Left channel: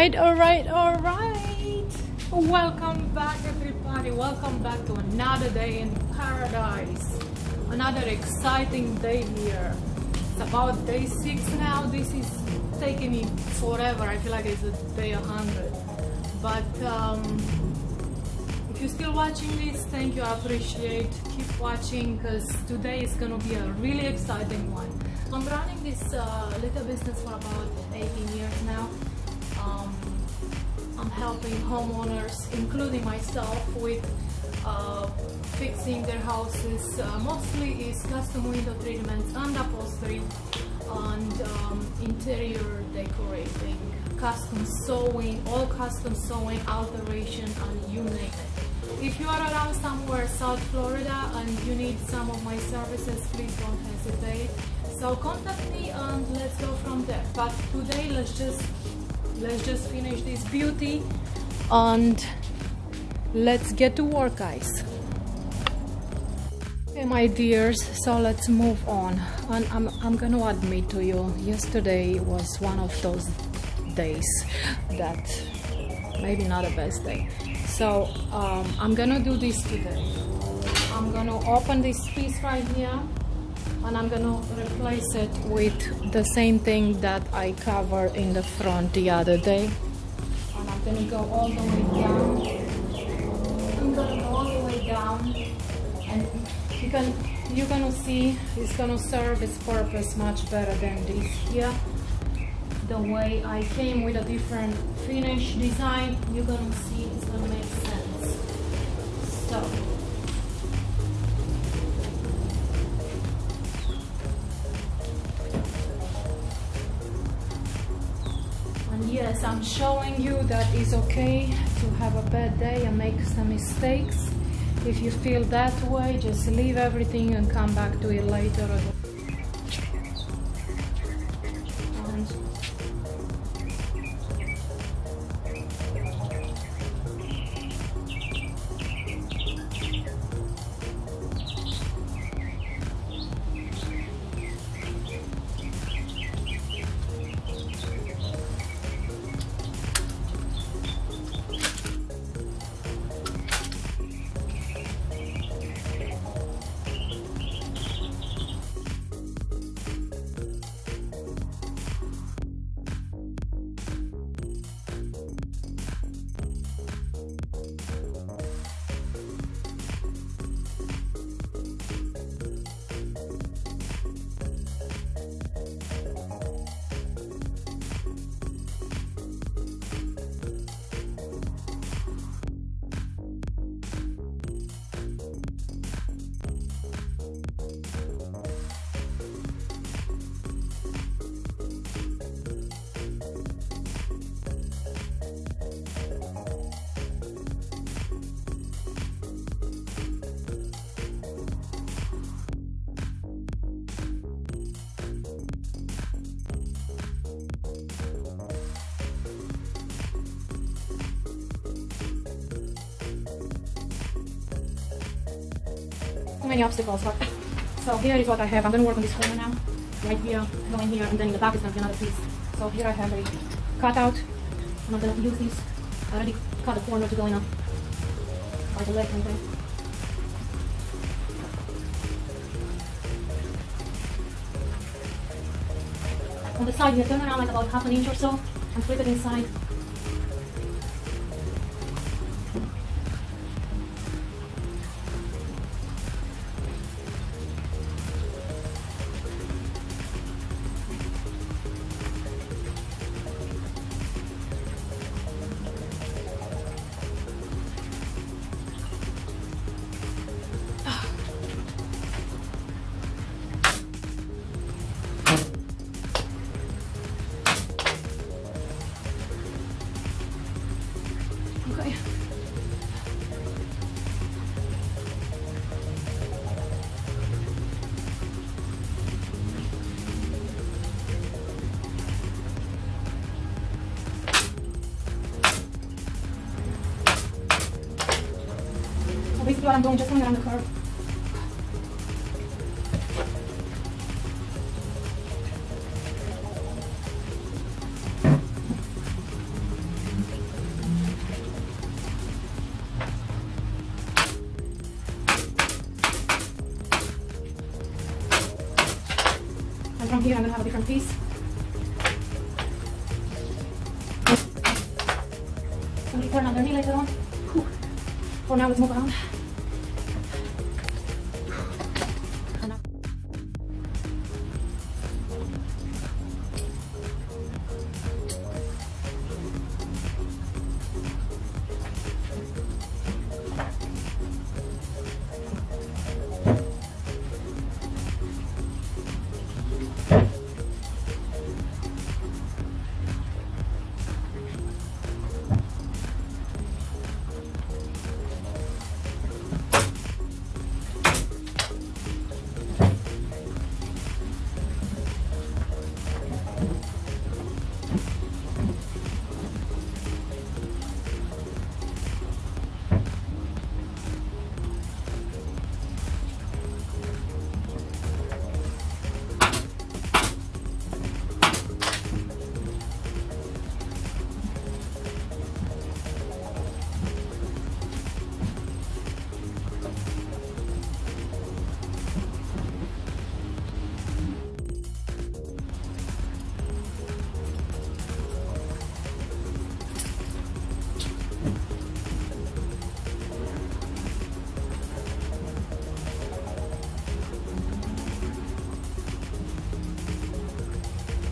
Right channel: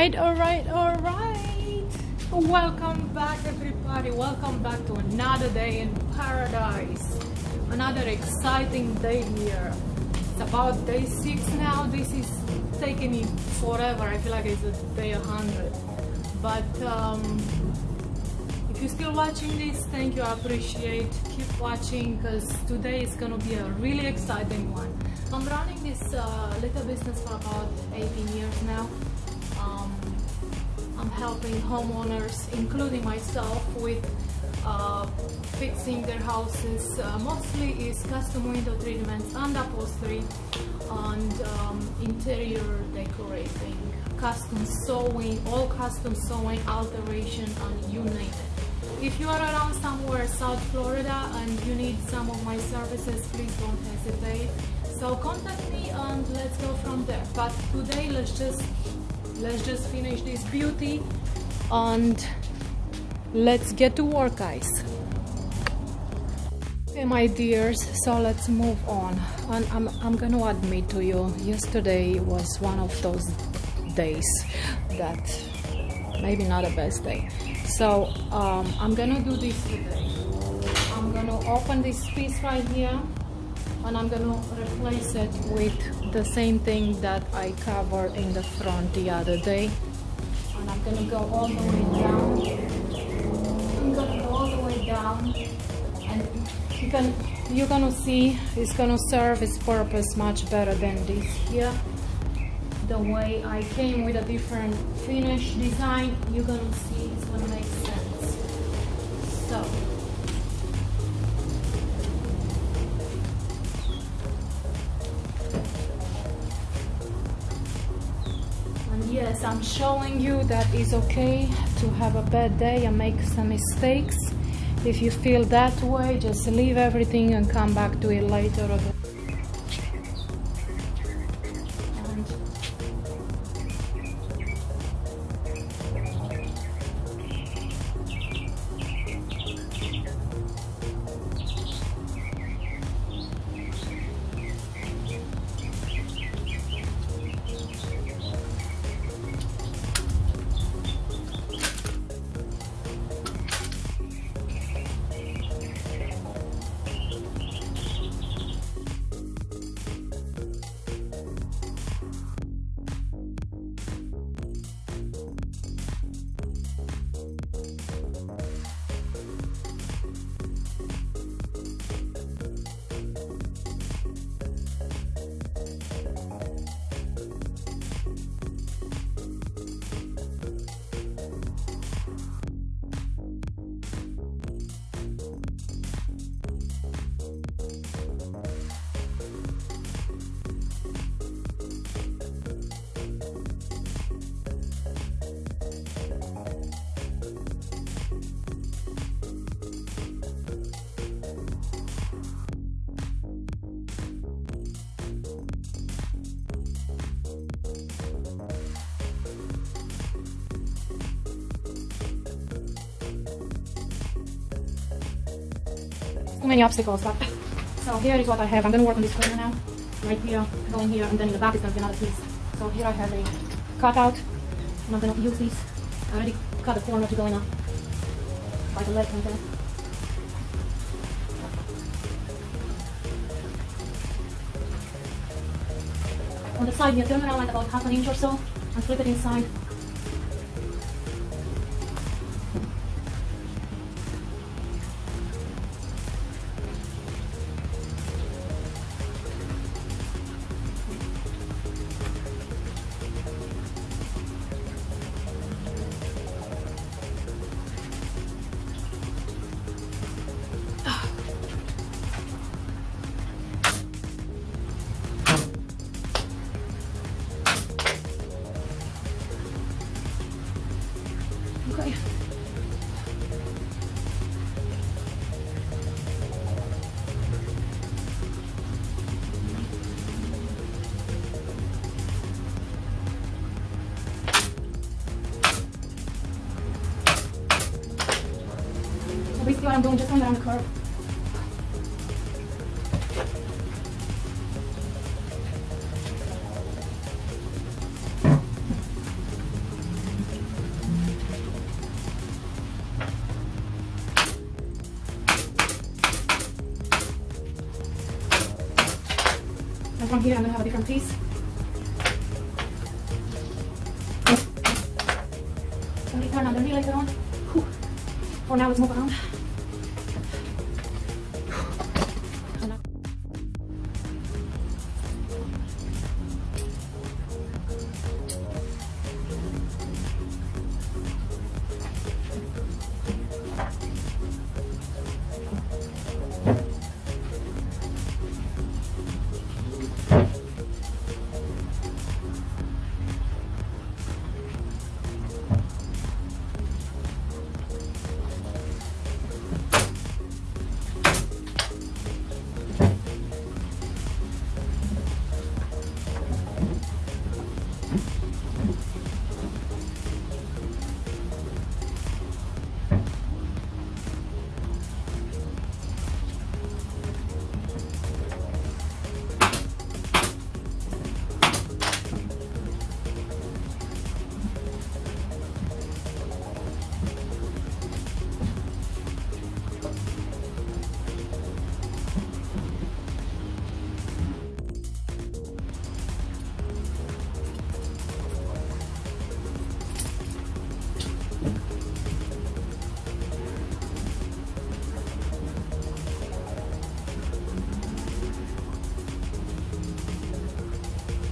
All right. Welcome back, everybody. Welcome back to another day in paradise. Another exciting day here. It's about day 6 now. This is taking me forever. I feel like it's a day 100. But if you're still watching this, thank you. I appreciate. Keep watching because today is gonna be a really exciting one. I'm running this little business for about 18 years now. I'm helping homeowners, including myself, with fixing their houses. Mostly is custom window treatments and upholstery and interior decorating, custom sewing, all custom sewing, alteration, and you name it. If you are around somewhere South Florida and you need some of my services, please don't hesitate. So contact me and let's go from there. But today let's just finish this beauty and let's get to work, guys. Okay, my dears, so let's move on. And I'm gonna admit to you, yesterday was one of those days that maybe not the best day. So I'm gonna do this today. I'm gonna open this piece right here and I'm gonna replace it with the same thing that I covered in the front the other day. And I'm gonna go all the way down. I'm gonna go all the way down, and you're gonna see it's gonna serve its purpose much better than this here. The way I came with a different finish design, you're gonna see it's gonna make sense. So. Yes, I'm showing you that it's okay to have a bad day and make some mistakes. If you feel that way, just leave everything and come back to it later. Too many obstacles. So here is what I have. I'm going to work on this corner now. Right here, going here, and then in the back is going to be another piece. So here I have a cutout. And I'm going to use these. I already cut the corners going up by the left and there. On the side here, turn around like about half an inch or so and flip it inside. Okay. So basically what I'm doing is just going around the curve. here I'm gonna have a different piece. Can we turn underneath later on? For now, let's move around.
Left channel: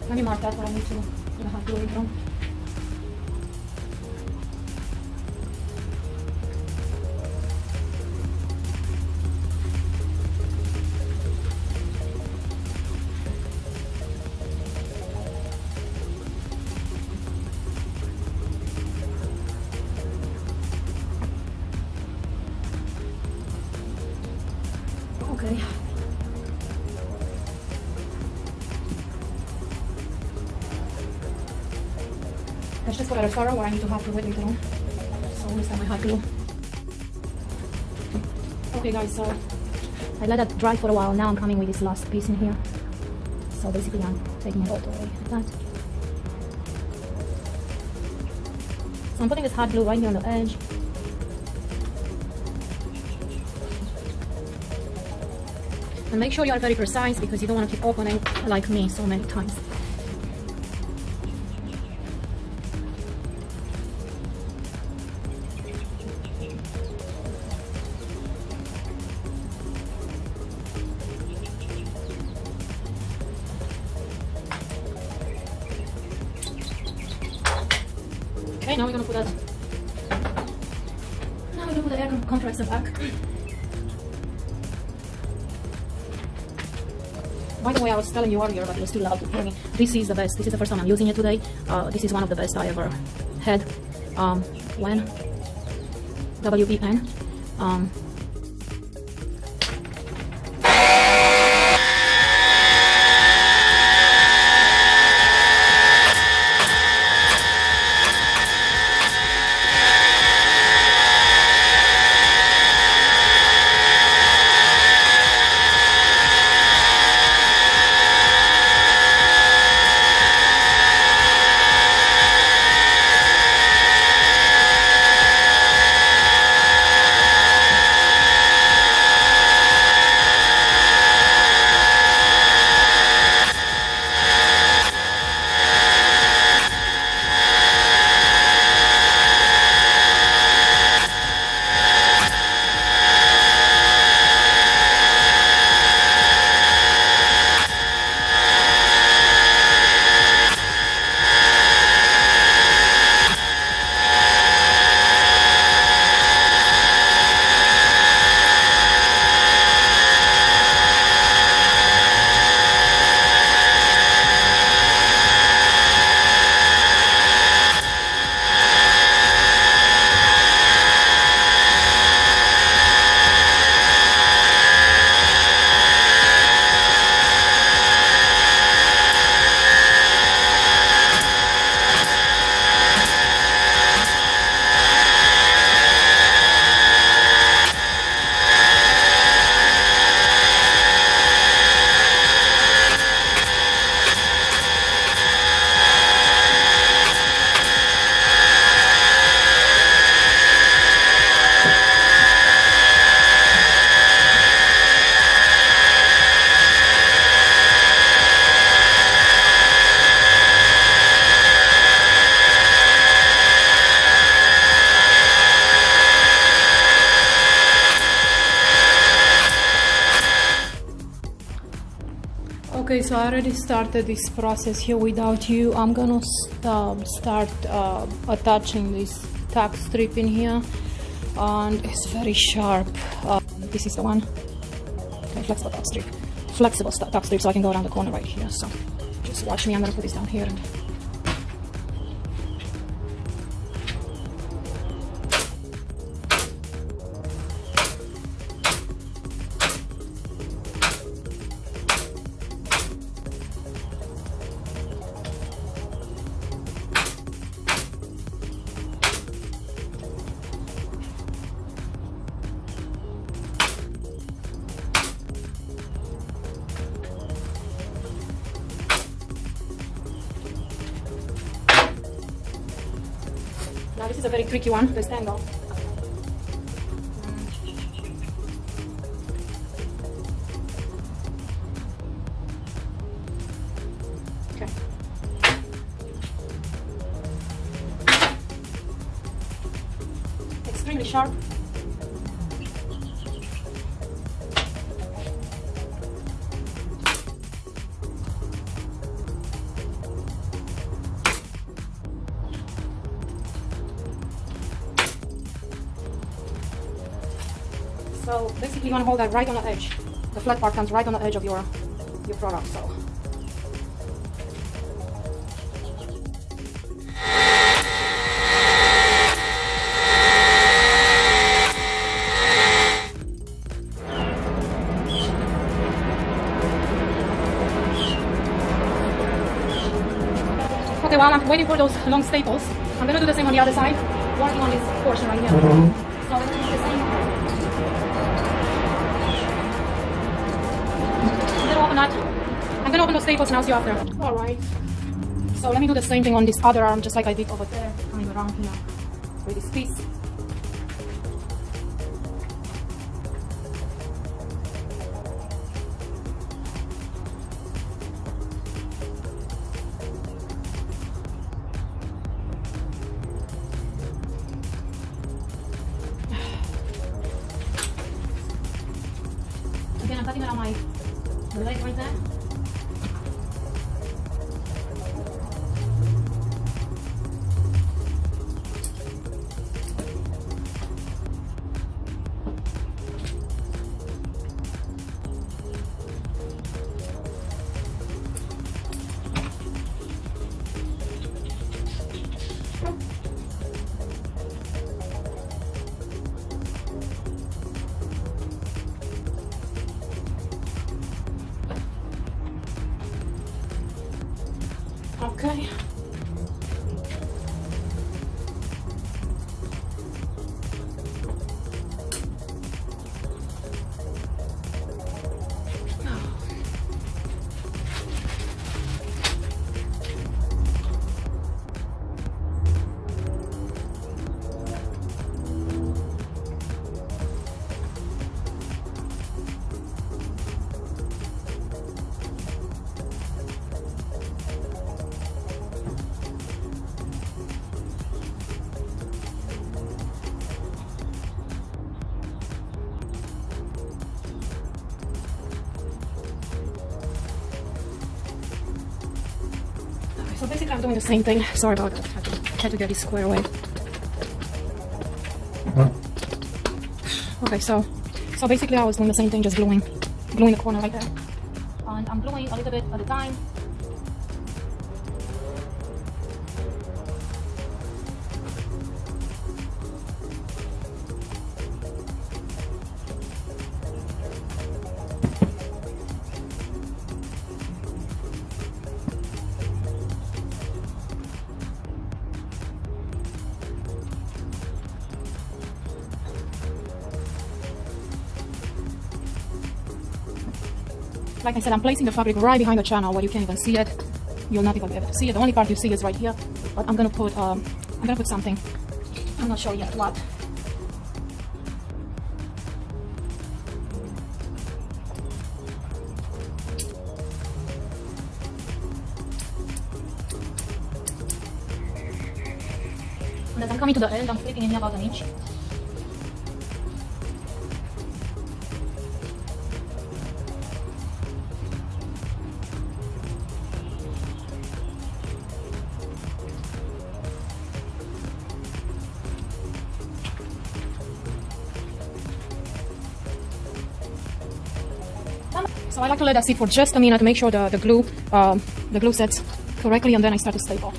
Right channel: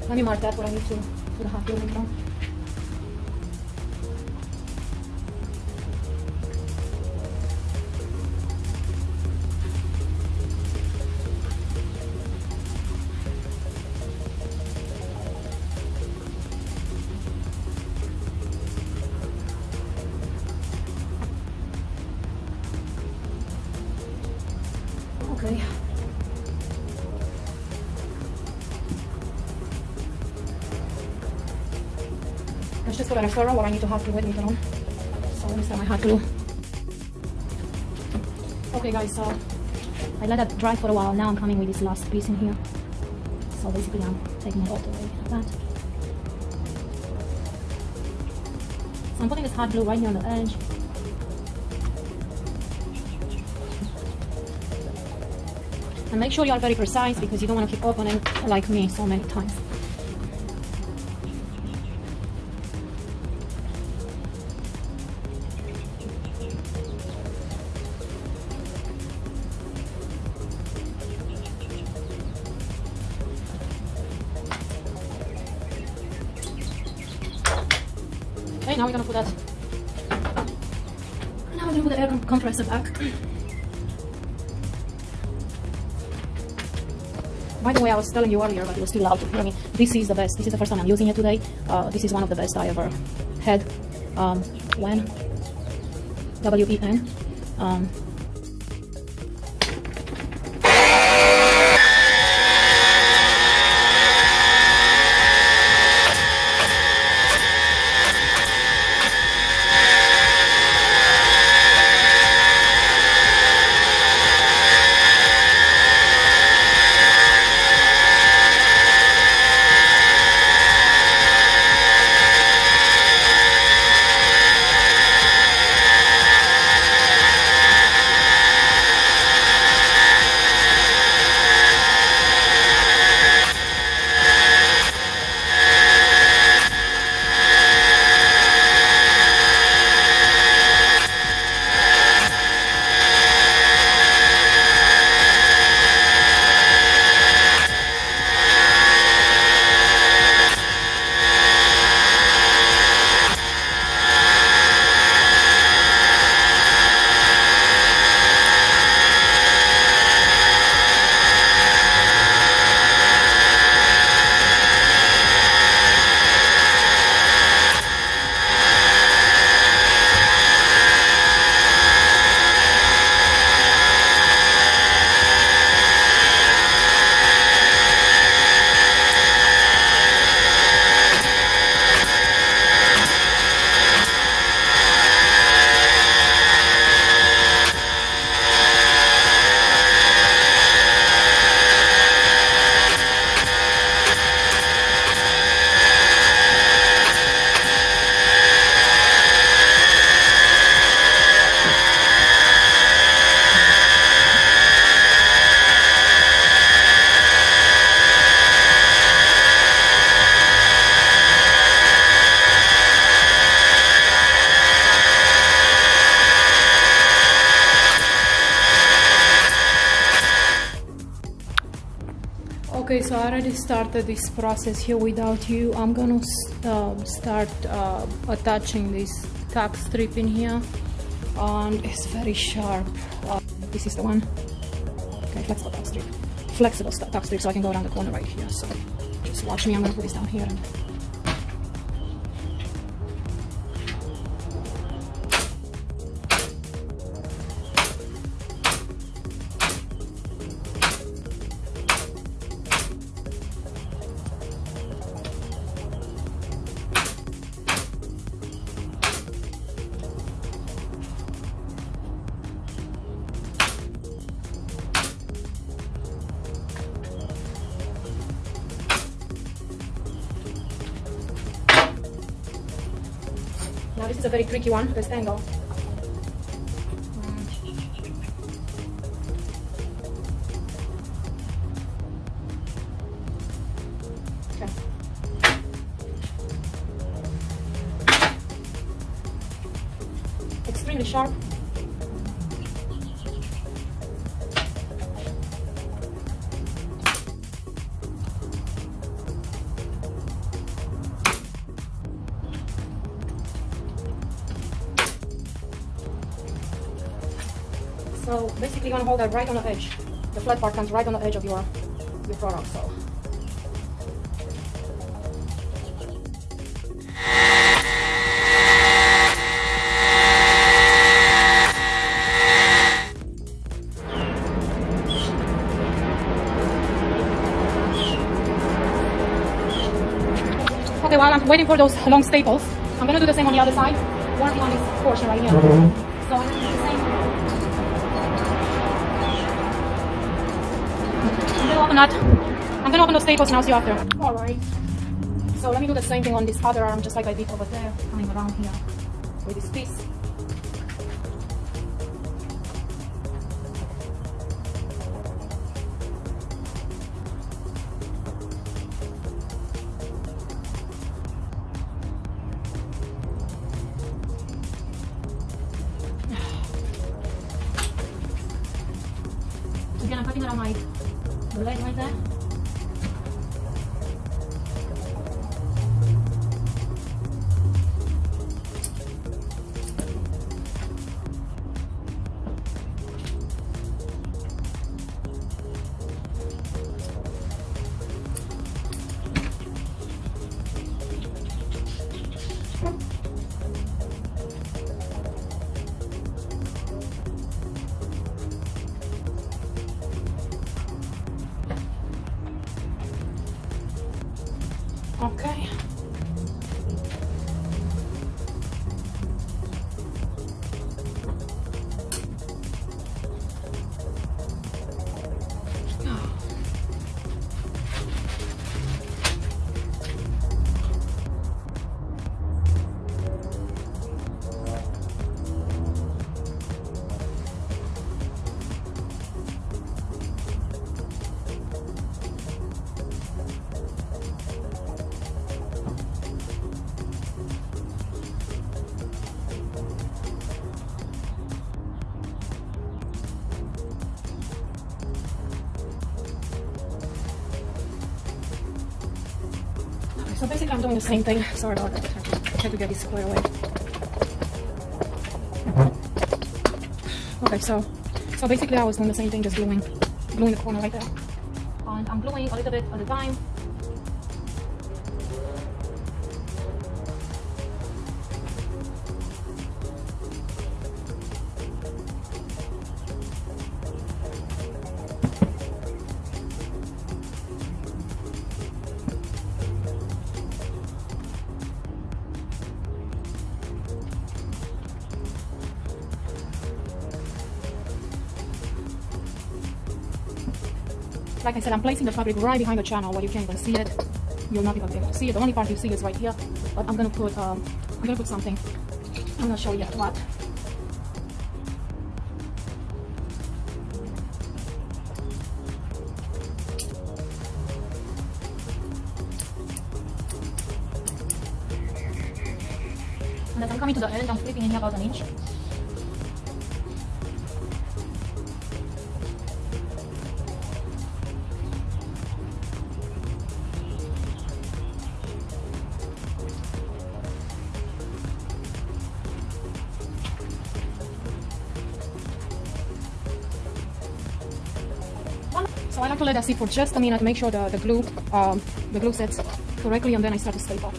Let me mark that what I need to the hot glue later on. Okay. Let's just follow the sorrow what I need to have to wait later on. So let me start my hot glue. Okay guys, so I let that dry for a while. Now I'm coming with this last piece in here. So basically I'm taking it all the way like that. So I'm putting this hot glue right here on the edge. And make sure you are very precise because you don't want to keep opening like me so many times. Okay, now we're gonna put that. Now we're gonna put the air compressor back. By the way, I was telling you earlier that it was too loud to hear me. This is the best. This is the first time I'm using it today. This is one of the best I ever had. When WEN. Okay, so I already started this process here without you. I'm gonna start attaching this tack strip in here, and it's very sharp. This is the one. Okay, flexible tack strip. Flexible tack strip, so I can go around the corner right here. So just watch me. I'm gonna put this down here. Now this is a very tricky one, this angle. Okay. Extremely sharp. So basically you want to hold that right on the edge. The flat part comes right on the edge of your product. So okay, while I'm waiting for those long staples, I'm gonna do the same on the other side. Working on this portion right here. So I'm gonna do the same. I'm gonna open the staples and I'll see you after. Alright. So let me do the same thing on this other arm, just like I did over there. Coming around here with this piece. Again, I'm cutting around my leg right there. Okay. So basically I'm doing the same thing. Sorry about that. I had to get it square away. Okay, so basically I was doing the same thing, just gluing the corner right there. And I'm gluing a little bit at a time. Like I said, I'm placing the fabric right behind the channel where you can't even see it. You'll not even be able to see it. The only part you see is right here. But I'm gonna put something. I'm not sure yet what. And as I'm coming to the end, I'm flipping it about an inch. I like to let that sit for just a minute to make sure the glue sets correctly, and then I start to staple.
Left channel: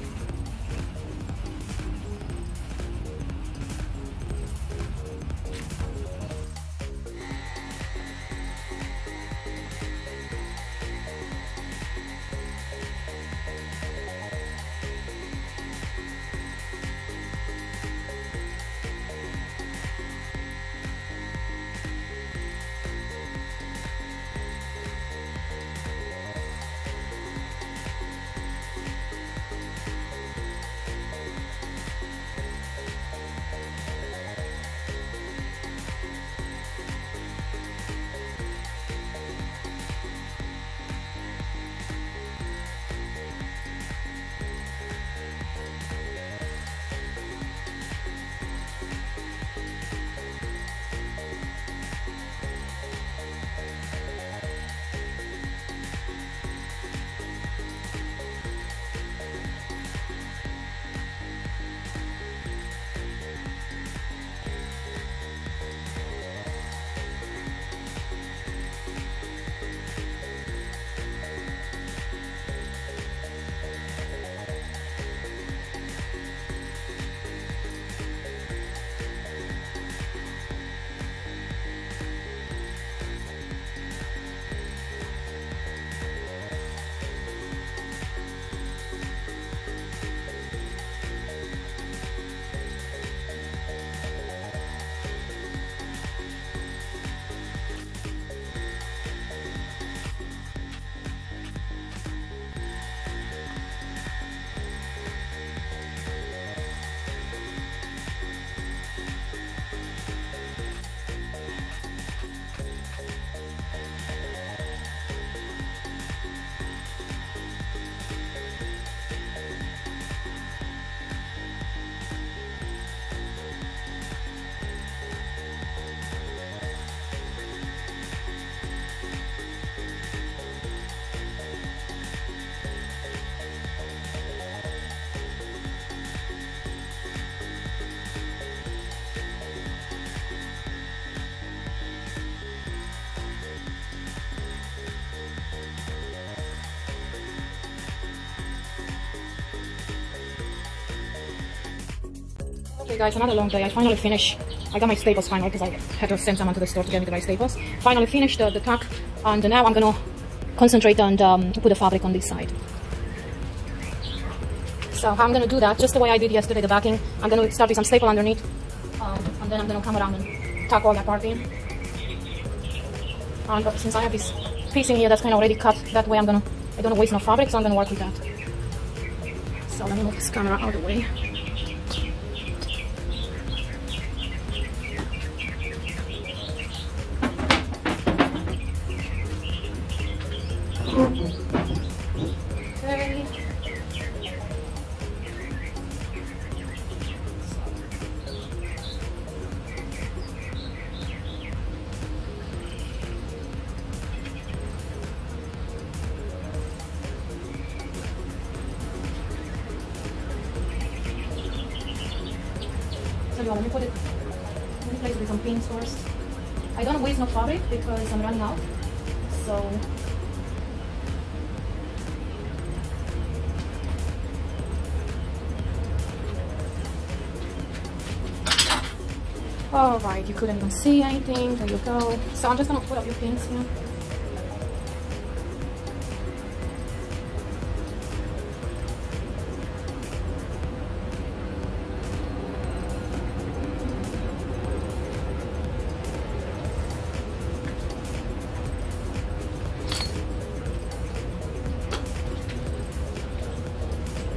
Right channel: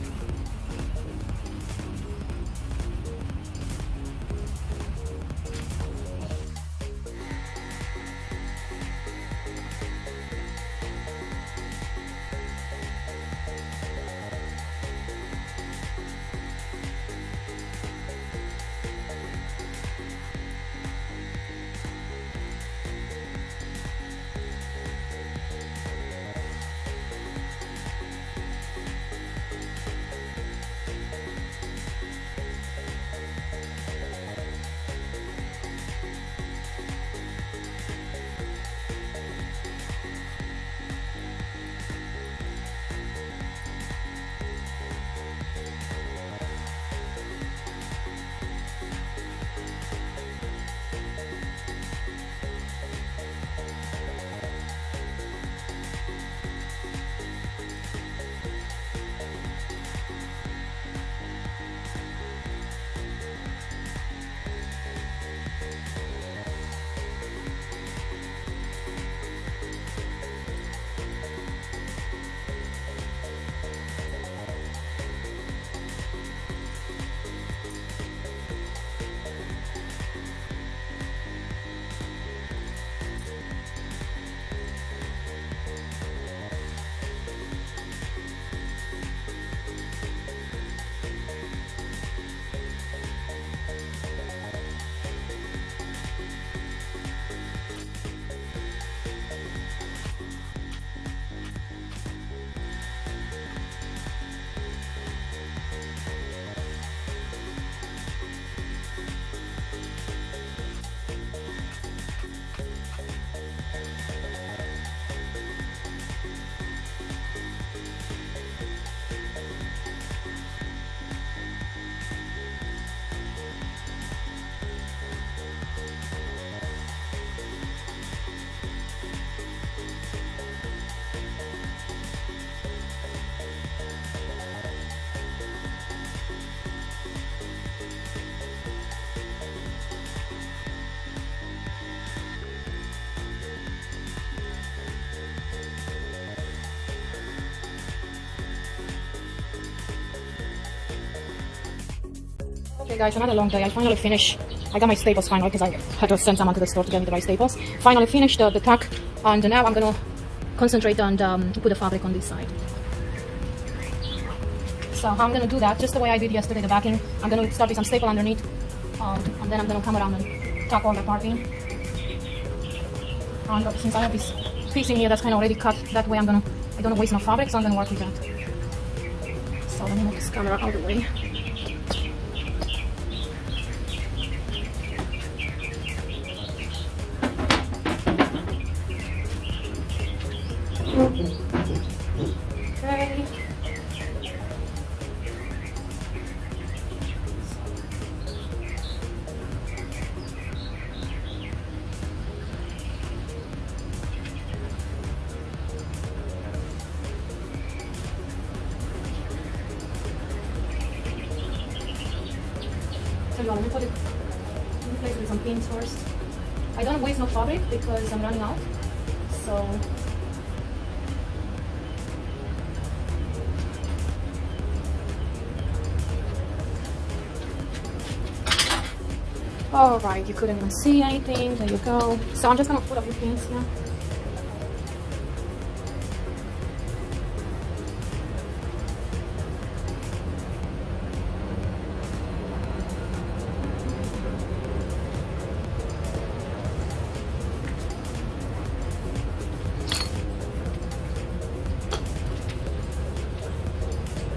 Okay guys, another long day. I finally finished. I got my staples finally because I had to send someone to the store to get me the right staples. Finally finished the tuck, and now I'm gonna concentrate on put the fabric on this side. So how I'm gonna do that, just the way I did yesterday, the backing. I'm gonna start with some staple underneath, and then I'm gonna come around and tuck all that part in. And since I have this piece in here that's kind of already cut, that way I don't want to waste no fabric, so I'm gonna work with that. So let me move this camera out of the way. Okay. So you want me to put it place with some pins first. I don't waste no fabric because I'm running out. So alright, you couldn't even see anything. There you go. So I'm just gonna put a few pins here.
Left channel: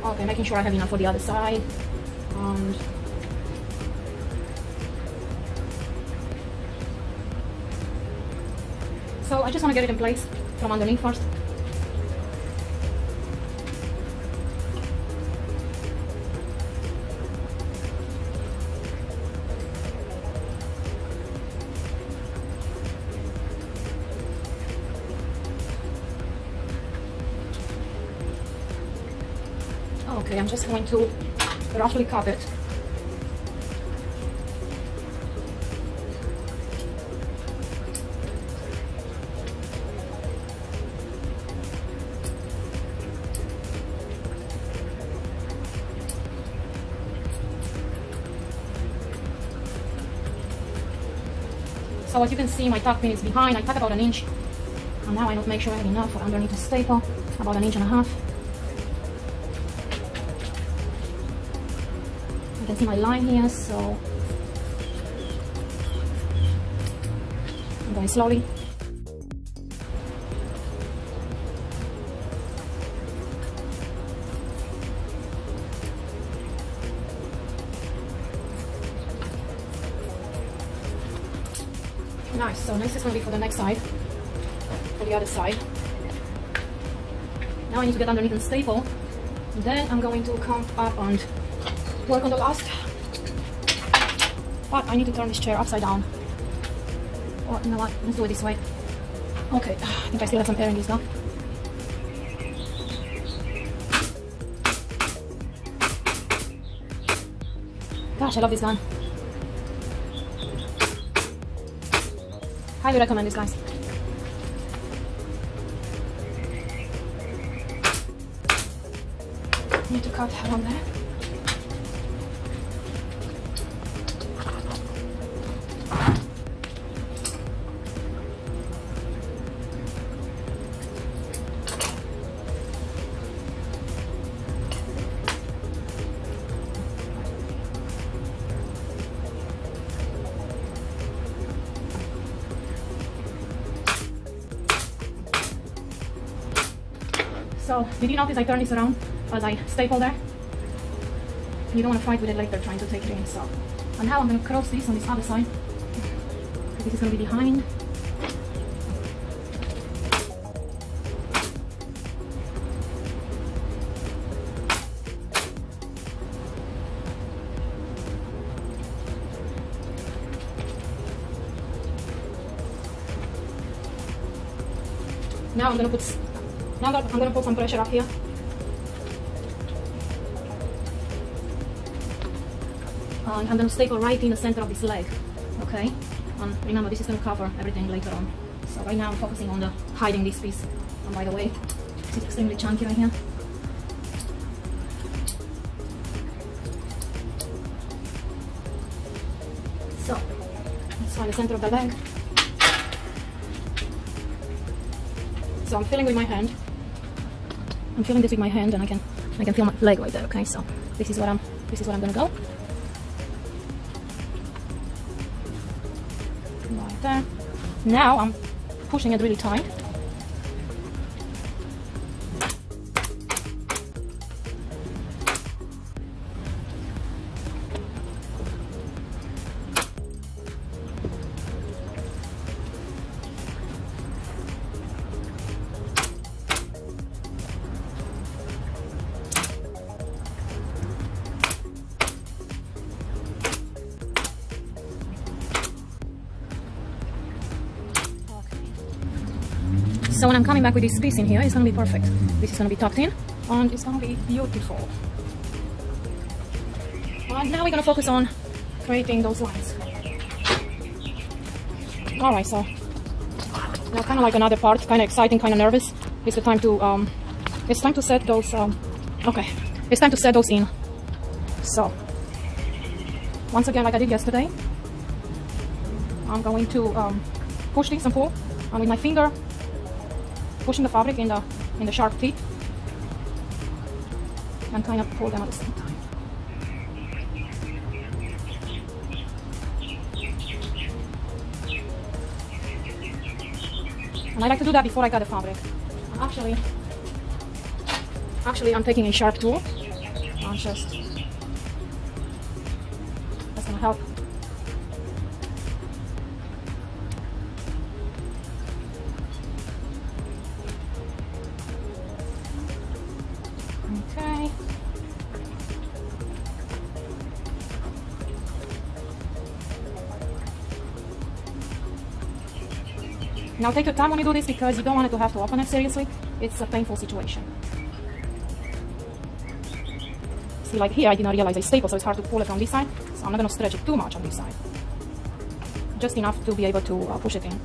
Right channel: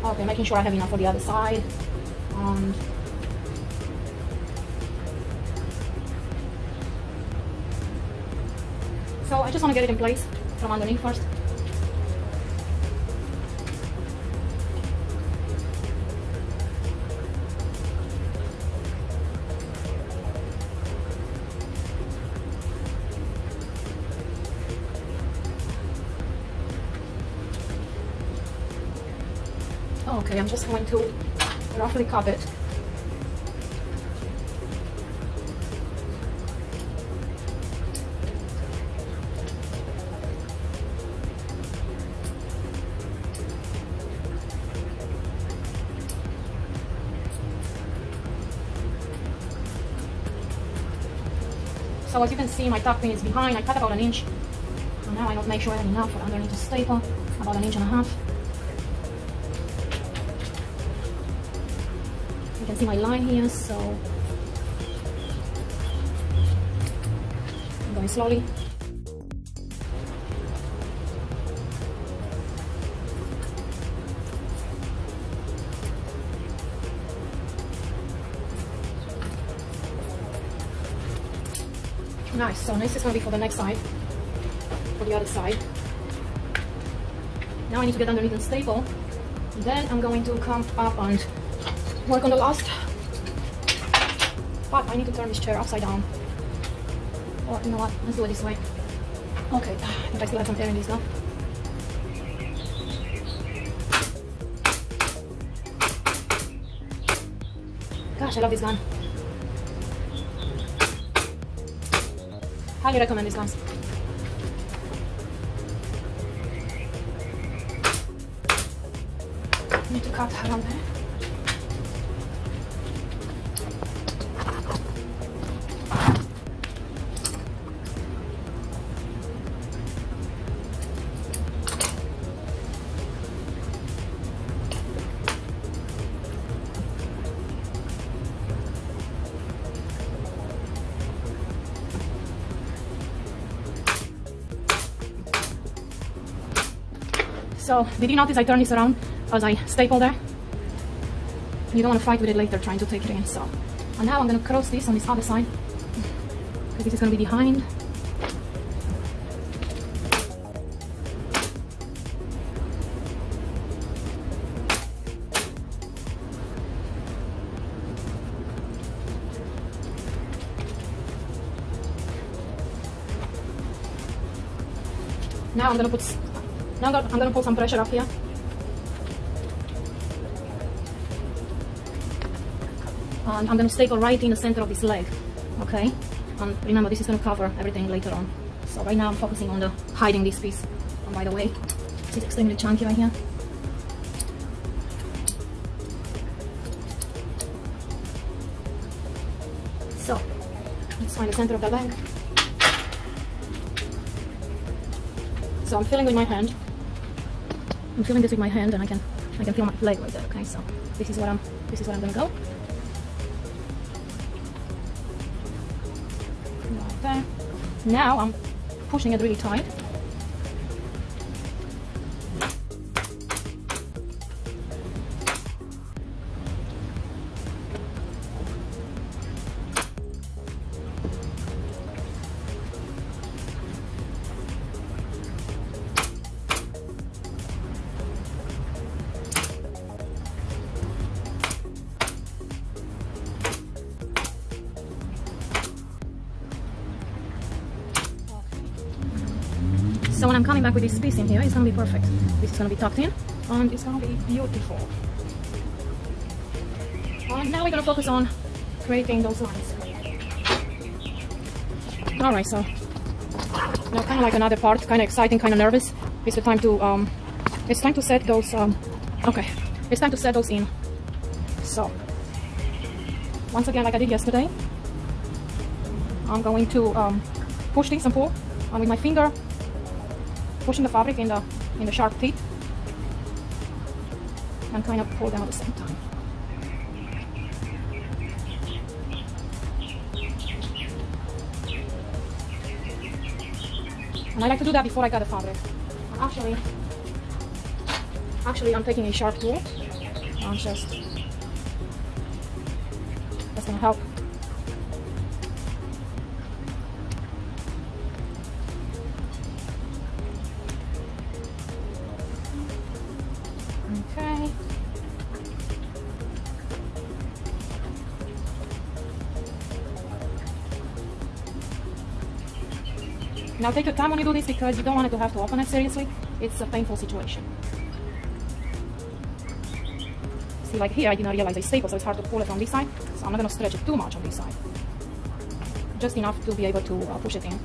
Okay, making sure I have enough for the other side. And so I just want to get it in place from underneath first. Okay, I'm just going to roughly cut it. So as you can see, my tuck pin is behind. I cut about 1 inch. And now I will make sure I have enough for underneath the staple, about 1.5 inches. You can see my line here, so I'm going slowly. Nice, so next is going to be for the next side, for the other side. Now I need to get underneath the staple, and then I'm going to come up and work on the last. But I need to turn this chair upside down. Or you know what, let's do it this way. Okay, I think I still have some air in this now. Gosh, I love this gun. Highly recommend this, guys. Need to cut around there. So, did you notice I turned this around as I stapled there? So you don't want to fight with it later trying to take it in. So, and now I'm going to cross this on this other side. This is going to be behind. Now I'm going to put I'm going to put some pressure up here. And I'm going to staple right in the center of this leg. Okay? And remember, this is going to cover everything later on. So right now I'm focusing on the hiding this piece. And by the way, this is extremely chunky right here. So let's find the center of the leg. So I'm feeling with my hand. I'm feeling this with my hand, and I can feel my leg right there. Okay, so this is what I'm gonna go. Right there. Now I'm pushing it really tight. So when I'm coming back with this piece in here, it's going to be perfect. This is going to be tucked in, and it's going to be beautiful. And now we're going to focus on creating those lines. Alright, so now kind of like another part, kind of exciting, kind of nervous. It's time to set those, okay, it's time to set those in. So, once again, like I did yesterday, I'm going to push this and pull, and with my finger, pushing the fabric in the sharp teeth and kind of pull them at the same time. And I like to do that before I cut the fabric. Actually I'm taking a sharp tool and just, that's gonna help. Now take your time when you do this, because you don't want it to have to open it seriously. It's a painful situation. See, like here I didn't realize it's staple, so it's hard to pull it from this side. So I'm not going to stretch it too much on this side. Just enough to be able to push it in.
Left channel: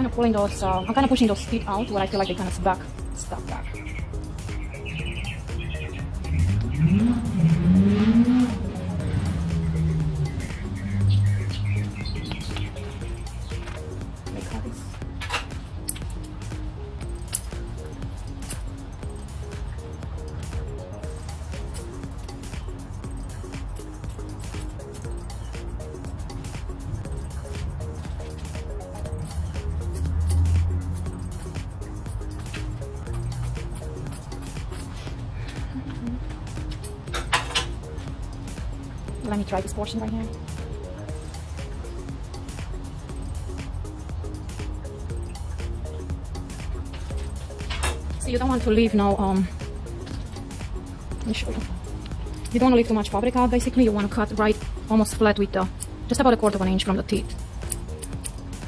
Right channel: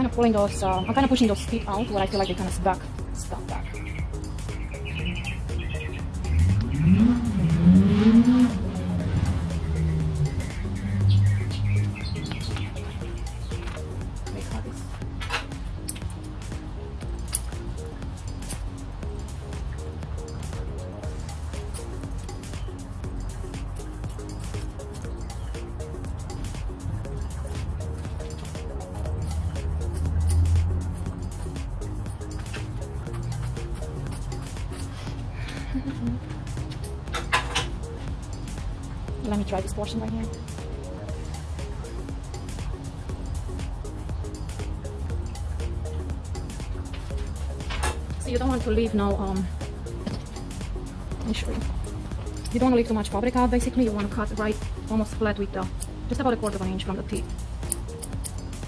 kind of pulling those, I'm kind of pushing those feet out where I feel like they're kind of stuck back. Let me try this portion right here. So you don't want to leave now, let me show you. You don't want to leave too much fabric out, basically. You want to cut right, almost flat with the, just about 1/4 inch from the teeth.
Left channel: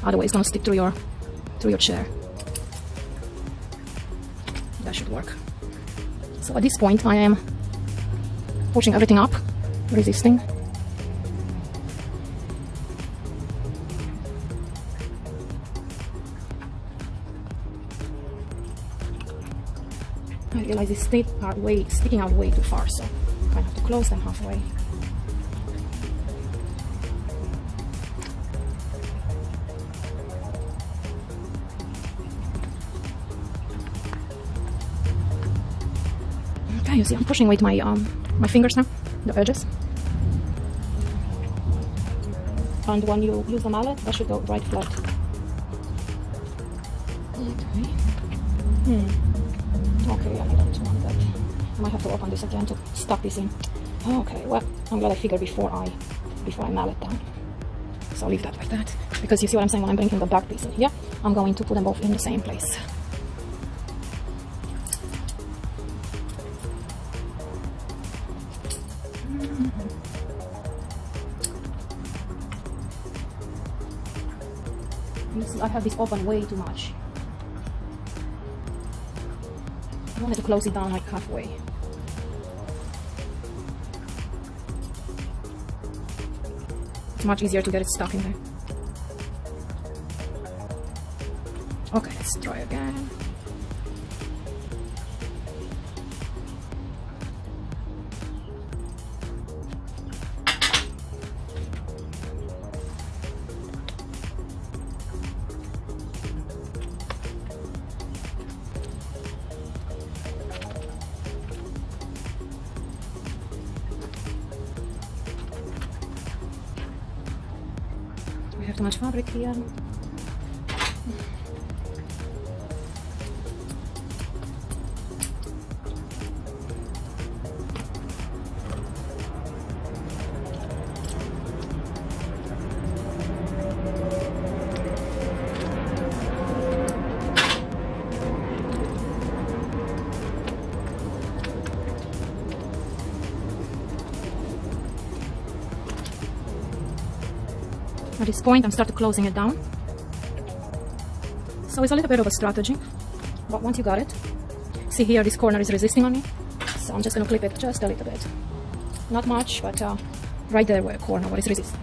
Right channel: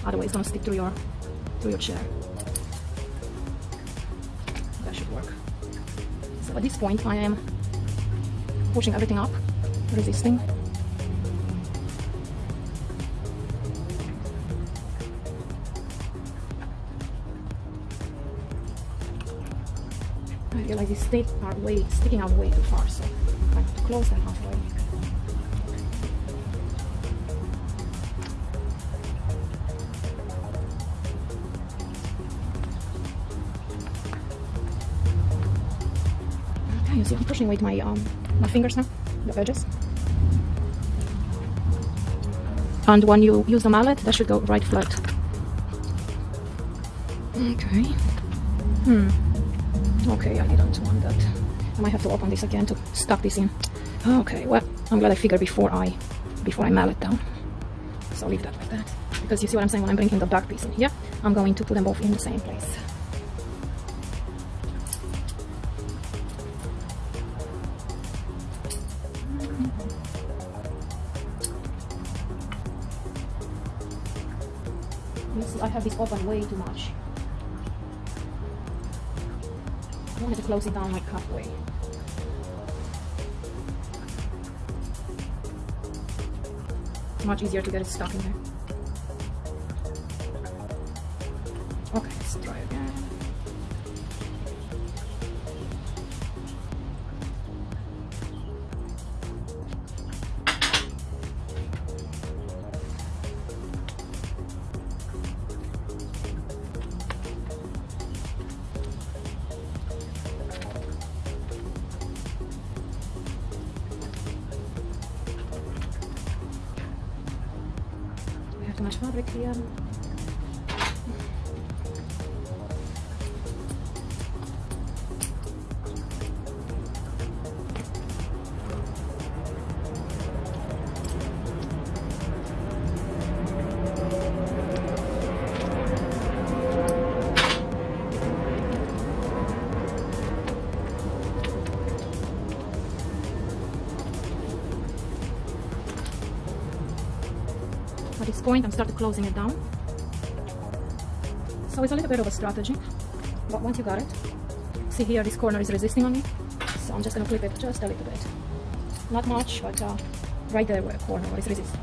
Otherwise it's going to stick through your chair. That should work. So at this point I am pushing everything up, resisting. I realize these teeth are sticking out way too far, so I have to close them halfway. Okay, you see, I'm pushing with my fingers now, the edges. And when you use the mallet, that should go right flat. Okay. Okay, I don't want that. I might have to open this again to stuff this in. Okay, well, I'm glad I figured before I mallet down. So I'll leave that like that. Because you see what I'm saying, when I'm bringing the dark piece here, I'm going to put them both in the same place. I have this open way too much. I wanted to close it down like halfway. It's much easier to get it stuck in there. Okay, let's try again. We have too much fabric here. At this point, I'm starting closing it down. So it's a little bit of a strategy, but once you got it, see here, this corner is resisting on me, so I'm just going to clip it just a little bit. Not much, but right there where the corner is resisting.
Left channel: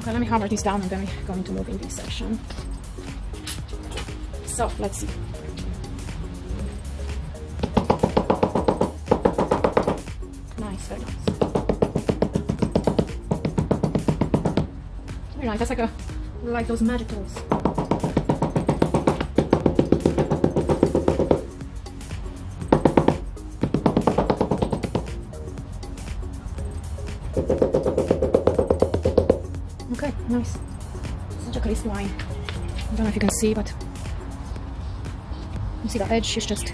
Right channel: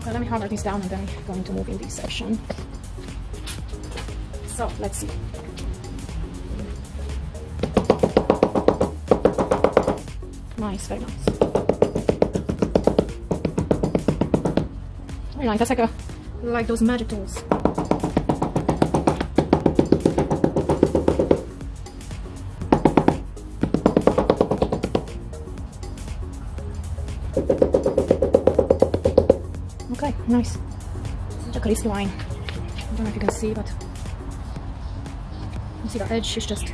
Okay, let me hammer this down and then I'm going to move in this section. So, let's see. Nice, very nice. Very nice, that's like those magic tools. Okay, nice. Such a crisp line. I don't know if you can see, but you see the edge is just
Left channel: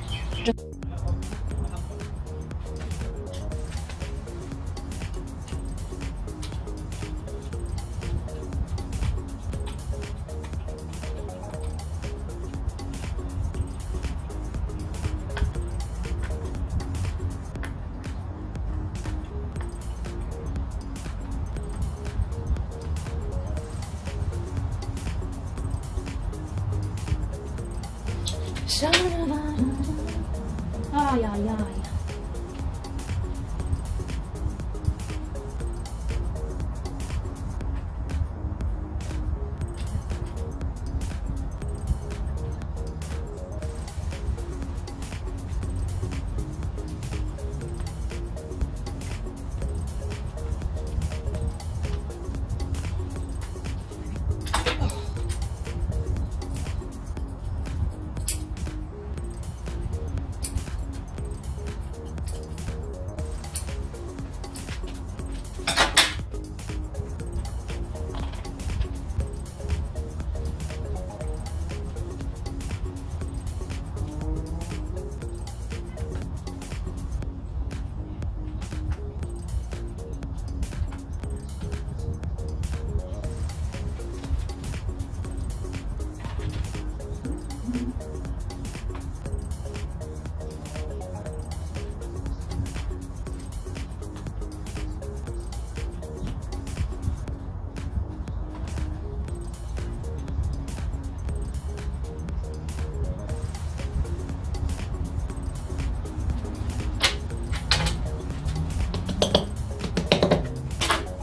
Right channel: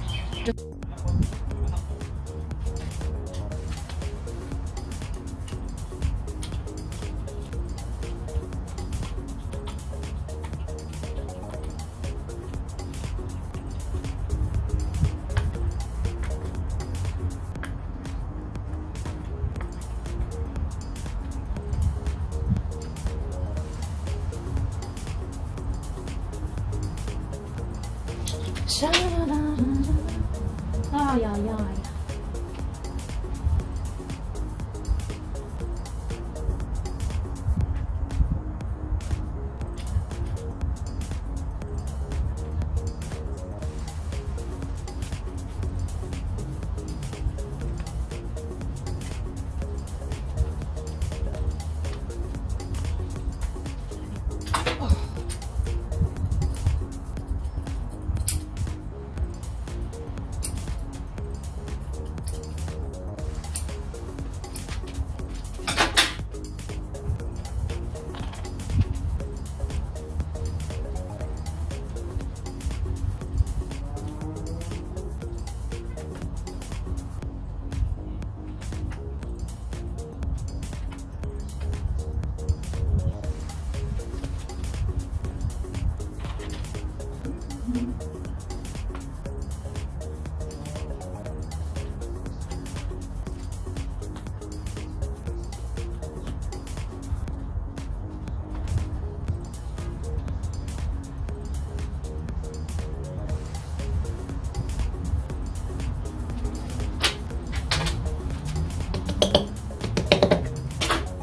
Ay, ay, ay.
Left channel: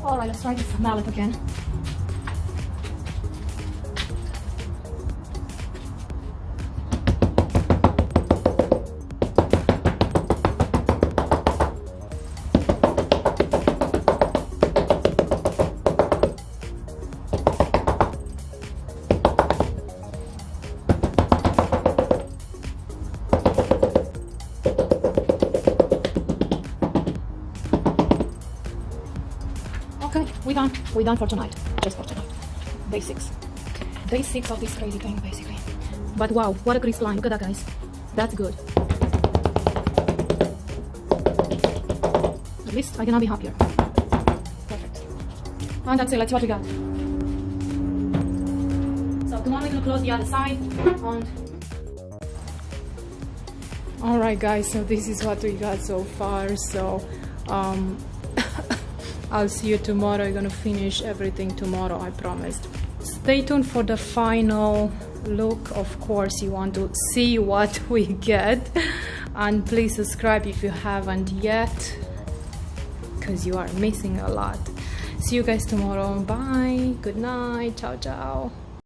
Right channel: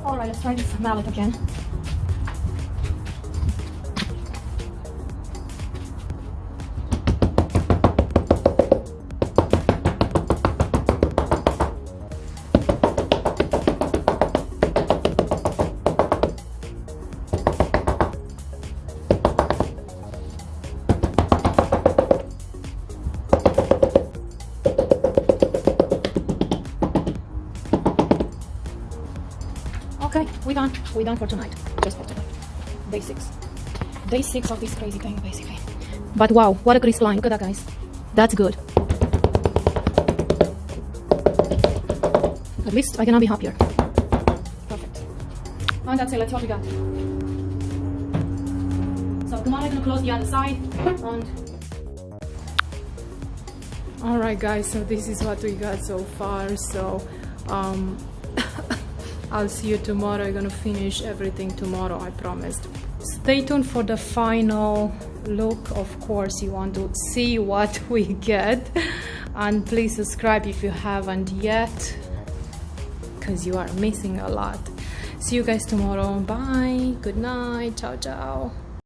Alright, let's try this mallet again. Okay, we're done. We're done for tonight. Just for tonight. Day 6. Day 6 of this crazy thing, basically. But wow, what a grease line. Look at that, guys. That's good. At least I cannot be happier. Perfect. And that's it. Let's see what we got. So tomorrow I'm gonna close the other side. And alright, guys. So this is what we got so far. So I'll see you tomorrow. I'm gonna finish everything tomorrow, I promised. Stay tuned for the final look. Of course, you want to see what we get. And please subscribe if you haven't yet, because you are missing a lot. See you guys tomorrow. Bye. Good night. Ciao, ciao.